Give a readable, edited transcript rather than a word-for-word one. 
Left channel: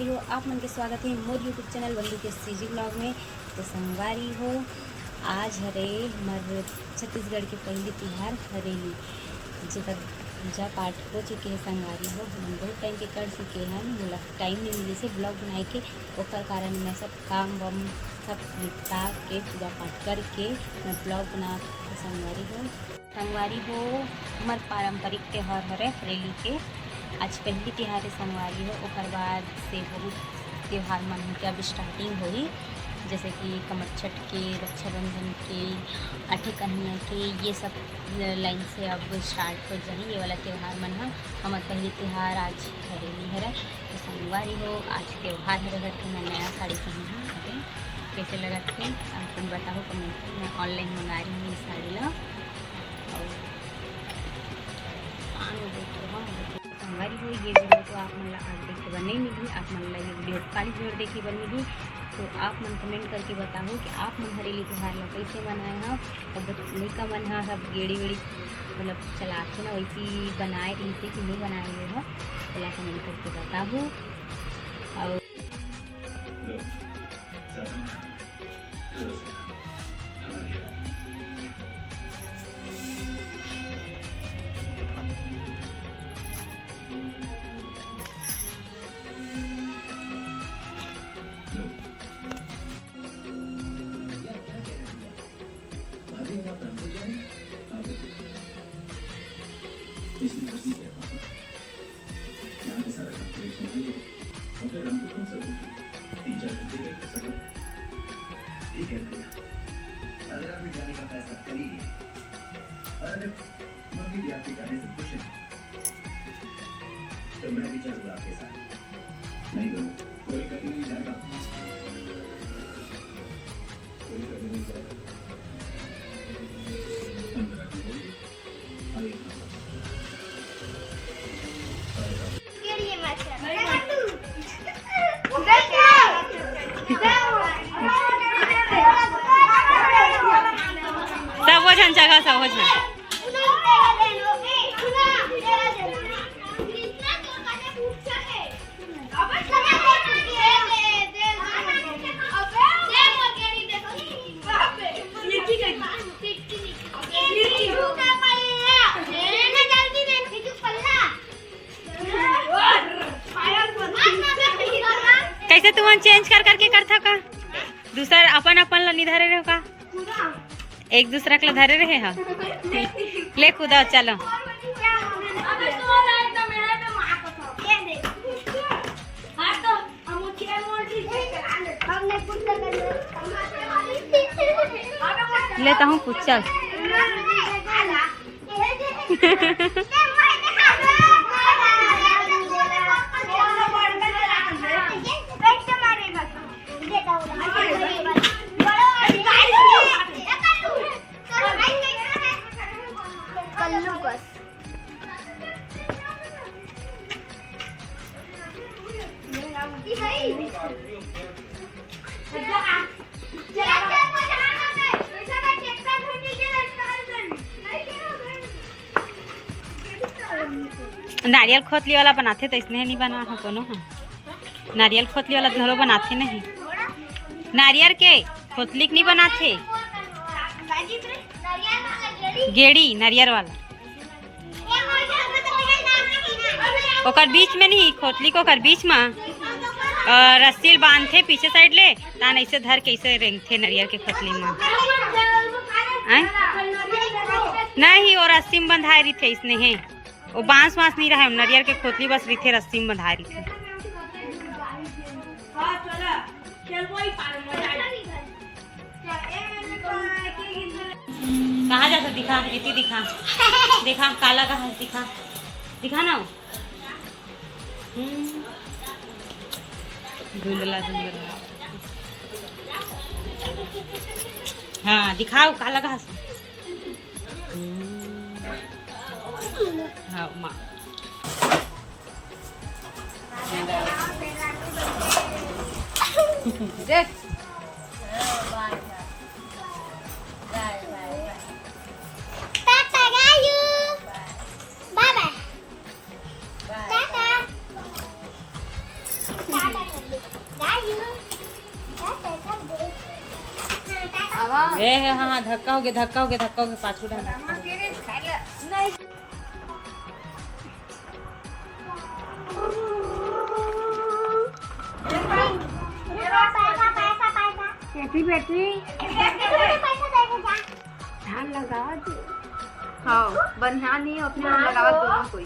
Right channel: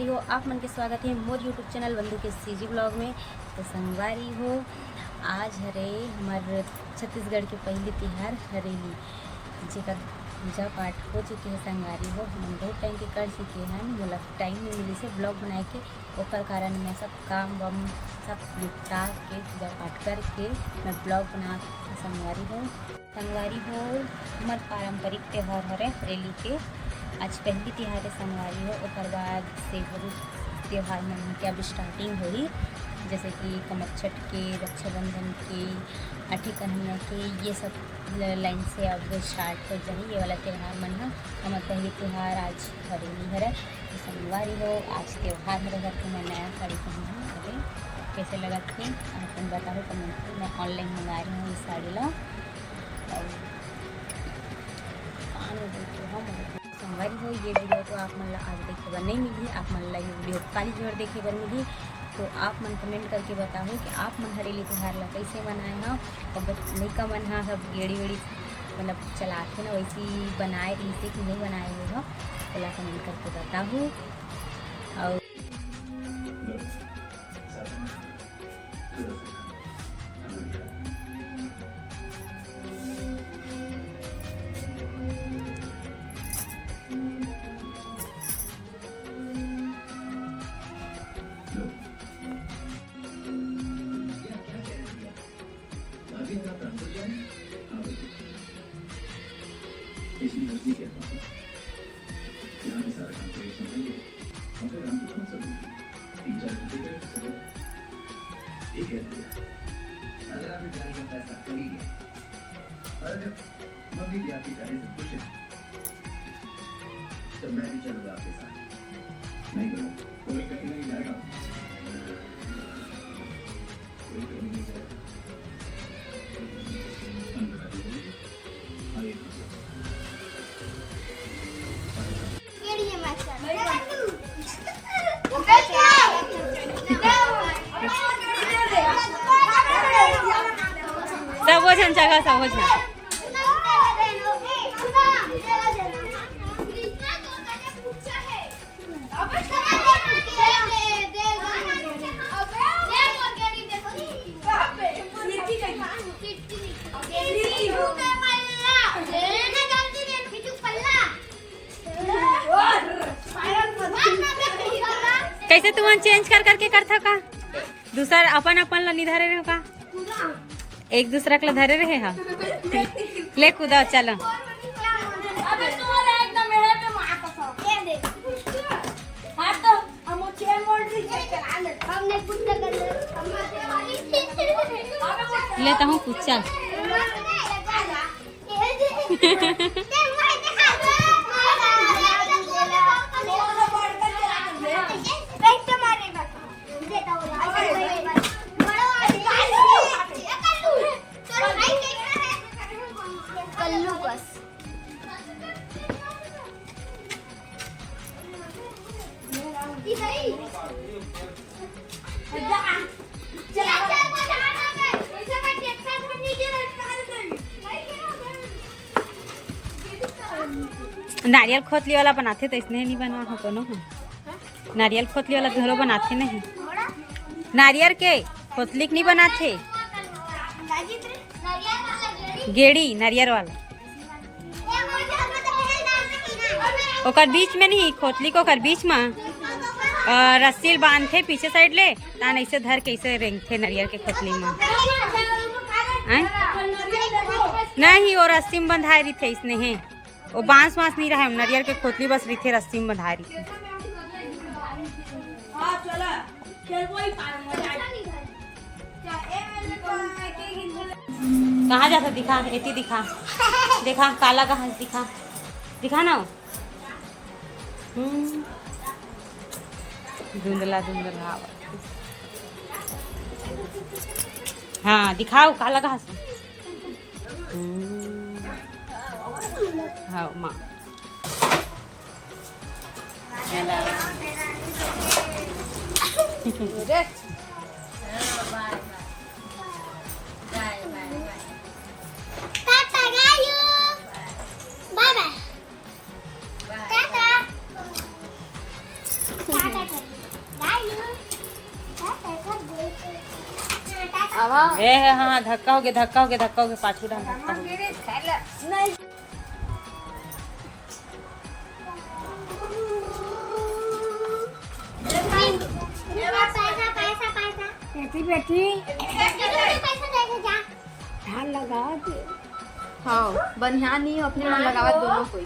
संगवारी हो आप मन के स्वागत है मोर यूट्यूब चैनल बंधु के सीजी ब्लॉग में। तो संगवारी हो आज हरे हमार छत्तीसगढ़ के पहली तिहार हरेली जेकर पूजा पाठ हो चुके हैं। संगवारी हो हम बहुत टाइम के कर चुके हैं, मोला टाइम नहीं मिली से ब्लॉग बनाए के, ओकर कारण मैं सब काम वम सब निपटा के पूजा पाठ करके मैं ब्लॉग बना संगवारी हो हमार पारंपरिक त्यौहार हरे हरेली के आज पहली तिहार है। संगवारी हो ओकर बाद से बहुत त्यौहार मन के अब स्टार्टिंग होई, जैसे कि कमरछठ के, रक्षाबंधन के, आठे कन्हैया के, ये सब लाइन से अब स्टार्ट हो जाए ये वाला त्यौहार मन है। हमार पहली त्यौहार आज हरेली हरे। तो संगवारी हो आज त्यौहार हरे घर के मैं नया साड़ी पहनी हूँ। अरे कैसे लगा थे अपन बताओ कमेंट में। मैं ऑनलाइन मंगा रही हूँ इस साड़ी ला और संगवारी हो ये वीडियो तो आप मन आज देखे बर नहीं मिली, आप मन ये वीडियो काली जोड़ देखे बर मिली। तो आप मन कमेंट करके बताओ कि आप मन हरेली त्यौहार ला कैसे मनाए हैं। और लइका मन हाँ सब गेड़ी वेड़ी मतलब चलाते ना वैसी बनाए इसे कि नहीं बनाए हुए हो, ओला कमेंट करके बताओ। और मैं भी चलूंगा आपके साथ, नहीं तो कोई कभी नहीं जाएगा, कोई कभी नहीं जाएगा। सब हो जान जगह सब हो जान कैसे तुम चेंज कर करके करता का दूसरा अपन अपन ला निधारे रहो का एक दूसरा के धरे रहे हा ले कूदा चलो। लेता हूँ कुछ चल नारियल खोतली वाला बनाते तो इसने नहीं बना हो कोनो है। नारियल खोतली वाला घरों बनाते नहीं, नारियल के खोतली नहीं बनाते, गेड़ी नारियल वाला ओकर बीच में नहीं, खोतली को ओकर बीच में रस्सी बांधते पीछे साइड ले तान ऐसे धर के ऐसे रेंगते नारियल के खोतली में नहीं, और रस्सी में बंधाई रही थे इसने है वो बांस वांस नहीं रहा, नारियल के खोतली बस रही रस्सी में बंधा रही थी। कहाँ जाता दिखा एती दिखा देखा काला का हाथ दिखा दिखा ना धुंधला धुंधला हाँ दिखाओ काला का हाथ हाँ माँ Bye bye. ए हाँ धक्का हो गया पाछू डाल धक्का हो गया। बेटी हाँ बनियान नहीं अपने लगावा दोनों कोई